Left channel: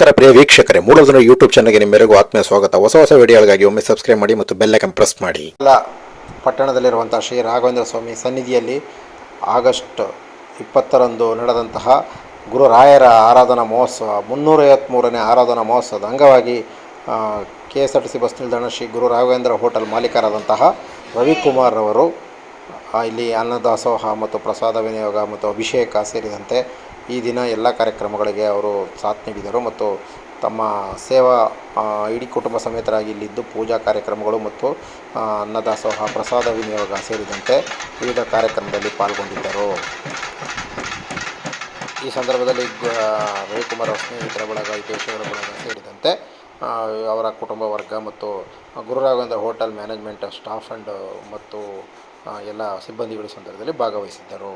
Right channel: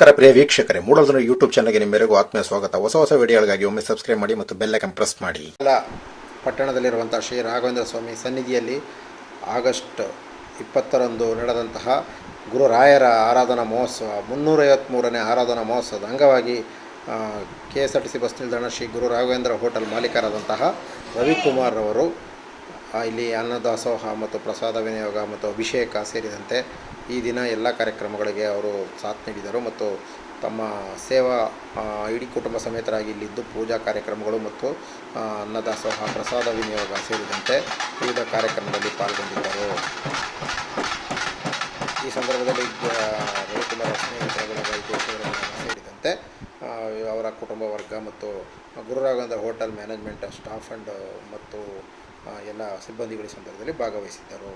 ನಮಸ್ಕಾರ ಪ್ರಿಯ ವೀಕ್ಷಕರೇ ದಿನ ಯೂಟ್ಯೂಬ್ ಚಾನಲ್ಗೆ ನಿಮ್ಮೆಲ್ಲರಿಗೂ ಆತ್ಮೀಯ ಸ್ವಾಗತ. ಹೊಸ ಹೊಸ ವಿಡಿಯೋಗಳಿಗಾಗಿ ಒಮ್ಮೆ ಸಬ್ಸ್ಕ್ರೈಬ್ ಮಾಡಿ ಮತ್ತು ಬೆಲ್ ಐಕನ್ ಪ್ರೆಸ್ ಮಾಡಿ. ಎಲ್ಲ ಪಟ್ಟಣದಲ್ಲಿರುವಂಥ ಶ್ರೀ ರಾಘವೇಂದ್ರ ಸ್ವಾಮಿ ಸನ್ನಿಧಿಯಲ್ಲಿ ಆಗಸ್ಟ್ ಇಪ್ಪತ್ತರಂದು ನಡೆದಂತಹ ಗುರುರಾಯರ ಆರಾಧನಾ ಮಹೋತ್ಸವ ಮುನ್ನೂರೈವತ್ತ್ಮೂರನೇ ಆರಾಧನಾ ಮಹೋತ್ಸವದ ಅಂಗವಾಗಿ K S R T C bus ನಿಲ್ದಾಣ ಶ್ರೀ ಗುರು ರಾಘವೇಂದ್ರ ಹೋಟೆಲ್ ಮಾಲೀಕರಾದಂತಹ ರವಿಕುಮಾರ್ ಅವರು ಇಲ್ಲಿ ಅನ್ನದಾಸೋಹ ಮತ್ತು ಪ್ರಸಾದ ವಿನಿಯೋಗ ಮತ್ತು ಅಭಿಷೇಕ ಸೇರಿದಂತೆ ಈ ದಿನ ಎಲ್ಲ ಕಾರ್ಯಕ್ರಮಗಳಿಗೆ ಅವರು ಸಾಥ್ ನೀಡಿದರು ಮತ್ತು ತಮ್ಮ ಸೇವಾ ಇಡೀ ಕುಟುಂಬ ಸಮೇತರಾಗಿ ಇಲ್ಲಿದ್ದು ಪೂಜಾ ಕಾರ್ಯಕ್ರಮಗಳು ಮತ್ತು ಅನ್ನದಾಸೋಹ, ಪ್ರಸಾದ ವಿನಿಯೋಗ ಸೇರಿದಂತೆ ವಿವಿಧ ಕಾರ್ಯಕ್ರಮದಲ್ಲಿ ಪಾಲ್ಗೊಂಡಿದ್ದರು. ಈ ಸಂದರ್ಭದಲ್ಲಿ ರವಿಕುಮಾರ್ ಸ್ನೇಹಿತರ ಬಳಗ ಹಿತೈಷಿಗಳ ಬಳಗ ಸೇರಿದಂತೆ ಅವರ ಕುಟುಂಬ ವರ್ಗ ಮತ್ತು Gururaghavendra hotel management staff and ಮತ್ತು ಎಲ್ಲ ಸಿಬ್ಬಂದಿಗಳ ಸಂದರ್ಭದಲ್ಲಿ ಭಾಗವಹಿಸಿದ್ದರು.